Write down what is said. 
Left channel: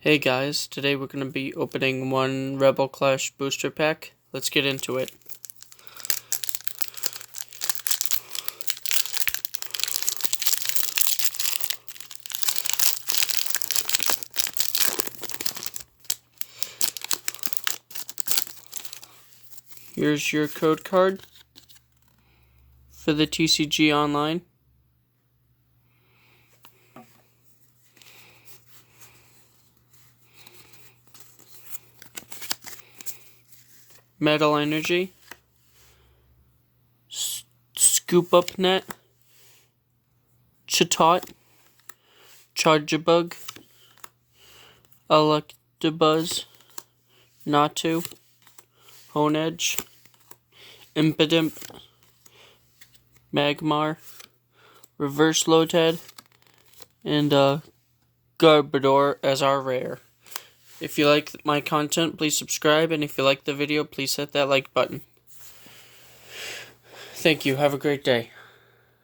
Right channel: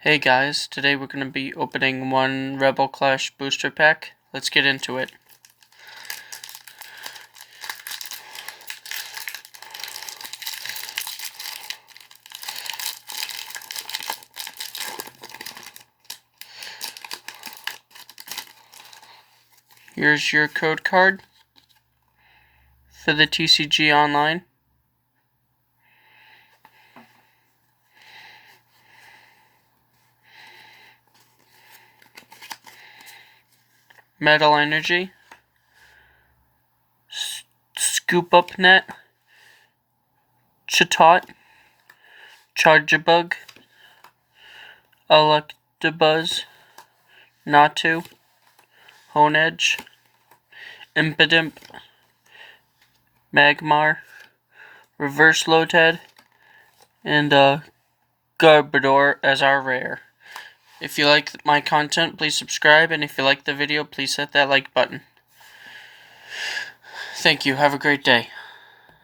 Hey guys, today we're going to be opening one Rebel Clash booster pack. Let's get into it. Here's your code card for the TCG Online. Metal Energy, Scoop Up Net, Chatot, Charjabug, Electabuzz, Natu, Honedge, Impidimp, Magmar, Reverse Lotad, and Garbodor as our rare. If you like my content, please subscribe, and if you like the video, please hit that like button. Thank you. Have a great day.